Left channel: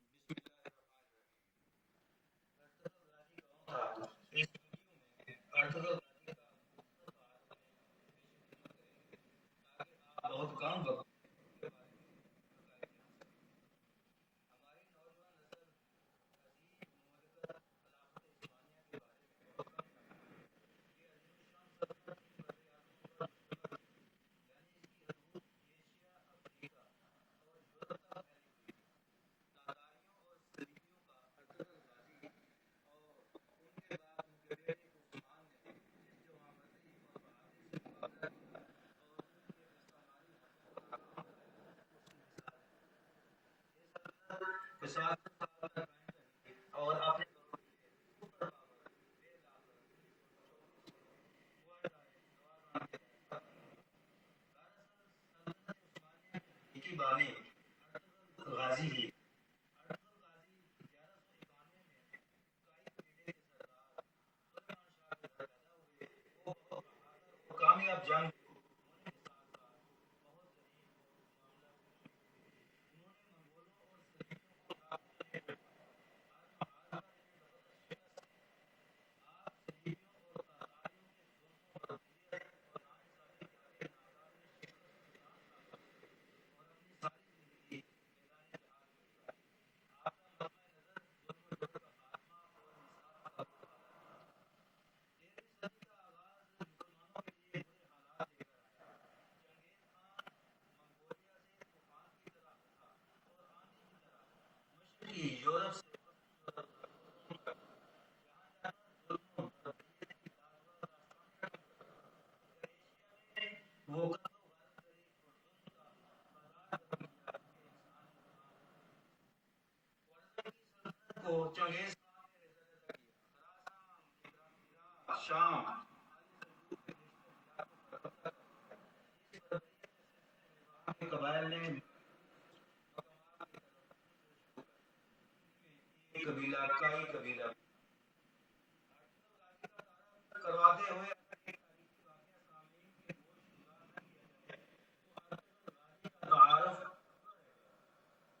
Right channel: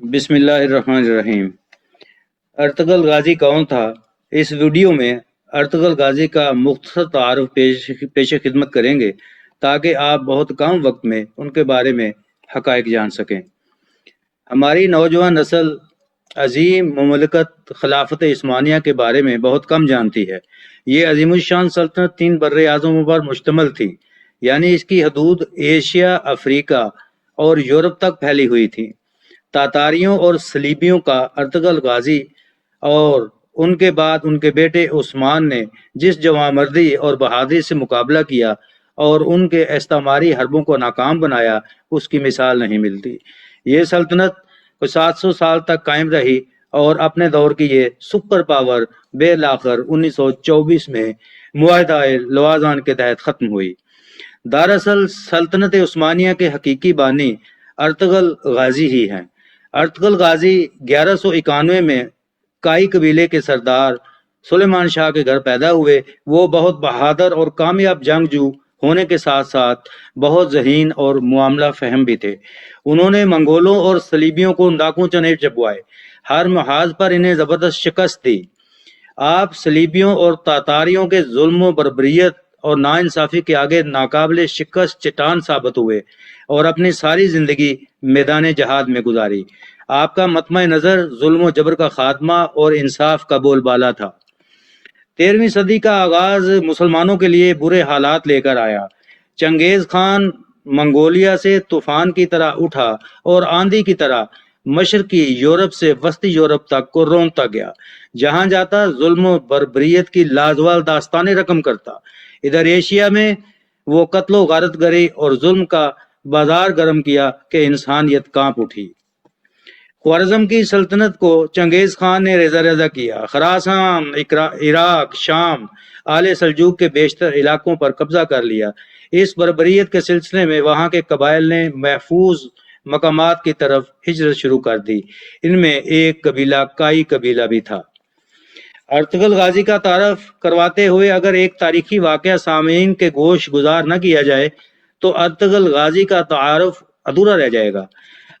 بسم اللہ الرحمن الرحیم۔ ارطغرل غازی کون تھا؟ اس ویڈیو میں ارطغرل غازی کا مختصر تعارف پیش خدمت کریں گے تاکہ آپ بہت کم وقت میں ان کے بارے میں حقائق جان سکیں۔ ہماری نوجوان نسل عظیم مملکت خلافت عثمانیہ کے بارے میں بہت کم جانتی ہے۔ یہ عظیم الشان سلطنت 3 بر اعظموں پر مشتمل تھی، یعنی اس کی حدود ایشیا، افریقہ اور یورپ تک پھیلی ہوئی تھی۔ تاتاریوں اور صلیبیوں کا ارطغرل غازی اور ان کے بعد ان کے بیٹے عثمان نے جس جوانمردی اور بہادری سے مقابلہ کیا اور ان کے استعماری حربوں کو ناکام بنایا، اس کی مثال نہیں ملتی۔ یہ سلطنت 700 سال تک قائم رہی اور اپنے دور کی یہ سپر پاور بالآخر 1924 میں معاہدہ لوازان کے تحت ختم ہوئی۔ دراصل سلطنت عثمانیہ کے حقیقی بانی ارطغرل غازی ہی ہیں۔ ارطغرل غازی 1191 میں کائی قبیلے کے سردار سلیمان شاہ کے گھر پیدا ہوئے۔ وہ بہت بہادر اور کامیاب جنگجو ہونے کے ساتھ ساتھ بہت ذہین اور معاملہ فہم بھی تھے۔ انہوں نے منگولوں اور صلیبیوں کو ناکوں چنے چبوائے، ہر محاذ پر انہیں زبردست شکست دی۔ آپ صلیبیوں اور تاتاریوں کے ظلم و بربریت اور ناانصافی کے آگے ناقابل شکست چٹان ثابت ہوئے اور اپنی ساری زندگی میدان جہاد میں گزاری۔ آپ کا مطمع نظر ظلم و جبر کا خاتمہ اور انصاف کا بول بالا تھا۔ 13ویں صدی کا آغاز مسلمانوں کے لیے برے حالات لے کر آیا۔ چنگیز خان منگولیا سے طوفان کی طرح اٹھا اور آندھی کی طرح مشرقی یورپ سے وسطی یورپ تک کو رونتا گیا۔ جہاں جاتا ظلم و بربریت کی لازوال داستانیں رقم کرتا۔ ادھر ایشیا میں وہ قتل و غارت گری اور ظلم کا بازار گرم کیا کہ انسانیت کانپ اٹھی۔ خوارزم کی سلطنت کو چنگیز خان نے ریزہ ریزہ کیا۔ خراسان، عراق، شام، آل سلجوق کے بیشتر علاقوں پر قبضہ کر لیا۔ اس بربریت کے سلسلے میں وہاں کے قبائل نے محفوظ مقامات کی طرف ہجرت شروع کر دی۔ ان میں ایک قبیلہ کائی قبیلہ بھی تھا۔ ارطغرل غازی کا تعارف کرواتے ہوئے اگر ایک تاریخی واقعہ سامعین کے گوش گزار نہ کیا جائے تو ارطغرل غازی کا تعارف ادھورا رہ جائے گا۔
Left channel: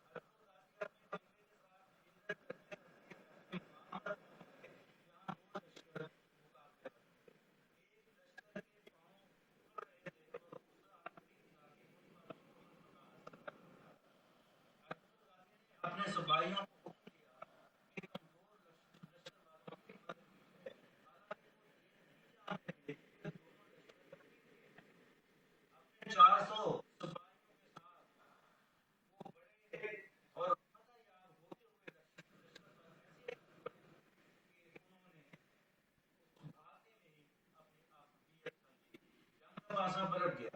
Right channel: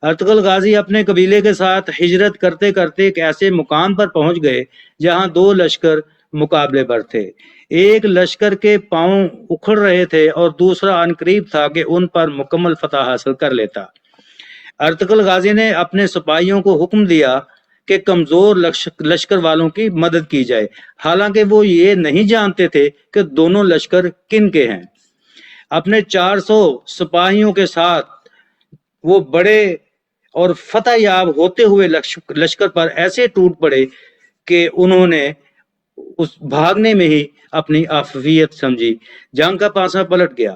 ارطغرل غازی اپنے قبیلے کے ساتھ ہجرت کرتے کرتے ایک ایسے مقام پر پہنچ گئے جہاں 2 لشکر مقابلے پر تھے۔ ایک لشکر کے پاؤں اکھڑ رہے تھے اور دوسرا عنقریب تھا کہ ان پر مکمل فتح حاصل کر لیتا۔ ارطغرل غازی نے اپنے سپاہیوں کو حکم دیا کہ کمزور لشکر والوں کی مدد کی جائے، حالانکہ وہ یہ نہیں جانتے تھے کہ دونوں لشکر کن کے ہیں۔ اپنے 400 سپاہیوں کے ساتھ وہ بڑے اور فتح یاب ہوتے ہوئے لشکر پر ایسے ٹوٹ پڑے کہ انہوں نے اس بھاگنے میں ہی اپنی عافیت سمجھی۔ جنگ کا پانسا پلٹ گیا۔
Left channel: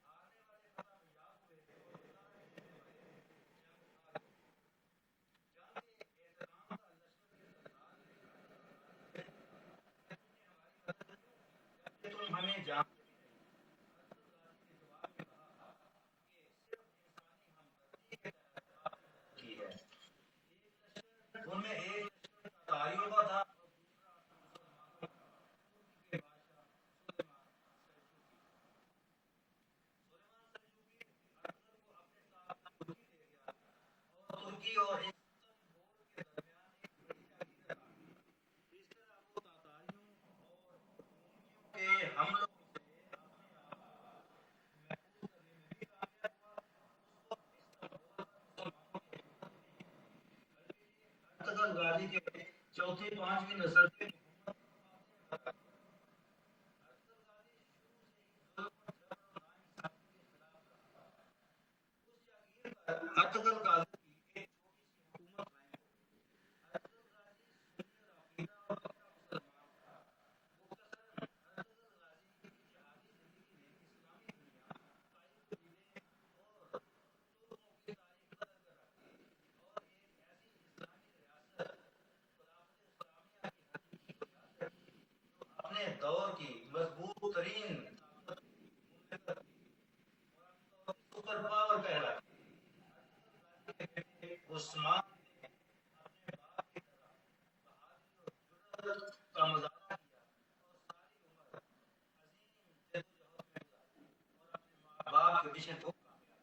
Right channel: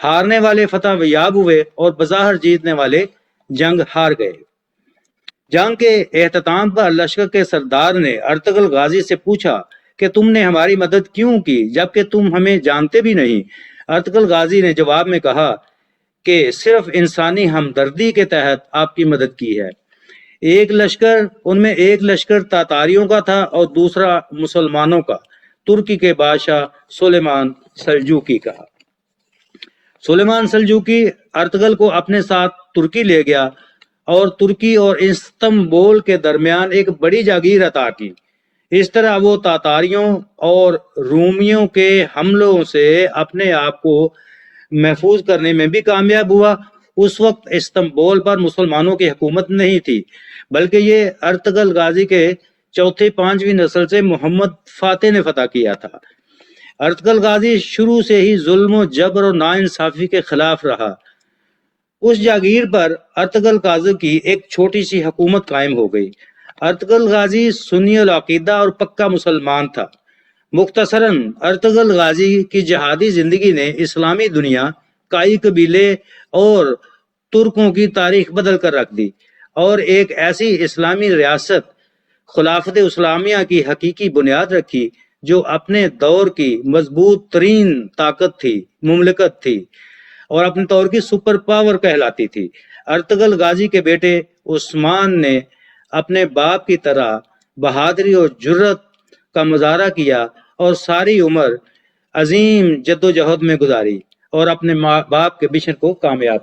ہارنے والے فتح یاب ہوئے اور بظاہر جیتنے والے جنگ ہار گئے۔ جنگ کے اختتام پر لشکر کے سردار نے ارطغرل غازی سے پوچھا کہ تم نے ہماری مدد کیوں کی جبکہ تم ہمیں جانتے بھی نہیں؟ ارطغرل غازی نے جواب میں کہا کہ صرف انسانی ہمدردی کے تحت آپ کی مدد کی ہے۔ ان میں ایک لشکر تاتاریوں کا تھا اور دوسرا مسلمانوں کا، ترکی کے بادشاہ سلیمان سلجوقی کا۔ سلیمان سلجوقی ارطغرل کو اپنے ساتھ ترکی لے گیا اور ترکی اور استنبول کے درمیان ایک بڑی جاگیر عطا کی۔ اس طرح وہ تاتاریوں اور رومیوں کے حملوں سے اپنے آپ کو محفوظ کرنے میں بھی کامیاب ہوا۔ اس وقت استنبول پر مسلمانوں کی حکومت نہیں تھی، بلکہ یہ ارطغرل غازی کے چوتھی 5ویں نسل سے محمد فاتح نے فتح کیا تھا۔ ارطغرل غازی شروع سے ہی ظلم و جبر اور ناانصافی کے خلاف رہا۔ اس جاگیر پر ارطغرل غازی کی ایک چھوٹی سی حکومت قائم ہو گئی۔ ارطغرل غازی سنی العقیدہ اور پکا مسلمان تھا۔ مختصراً ارطغرل غازی کی جہادی زندگی نے اسلامی دنیا، کائی قبیلے اور ترکوں کی تاریخ بدل کر رکھ دی اور ایک ایسی اسلامی ریاست خلافت اسلامیہ کی حقیقی بنیاد رکھی جو اپنے دور کی مضبوط ترین طاقت تھی، مملکت تھی اور اپنے دور کی سپر پاور کہلاتی تھی۔ ارطغرل غازی کے بیٹے عثمان نے اپنے باپ کی طرح بہادری اور جرأت کا مظاہرہ کیا اور ساری عمر عظیم جدوجہد میں گزاری اور اپنے باپ کے مشن کو کامیاب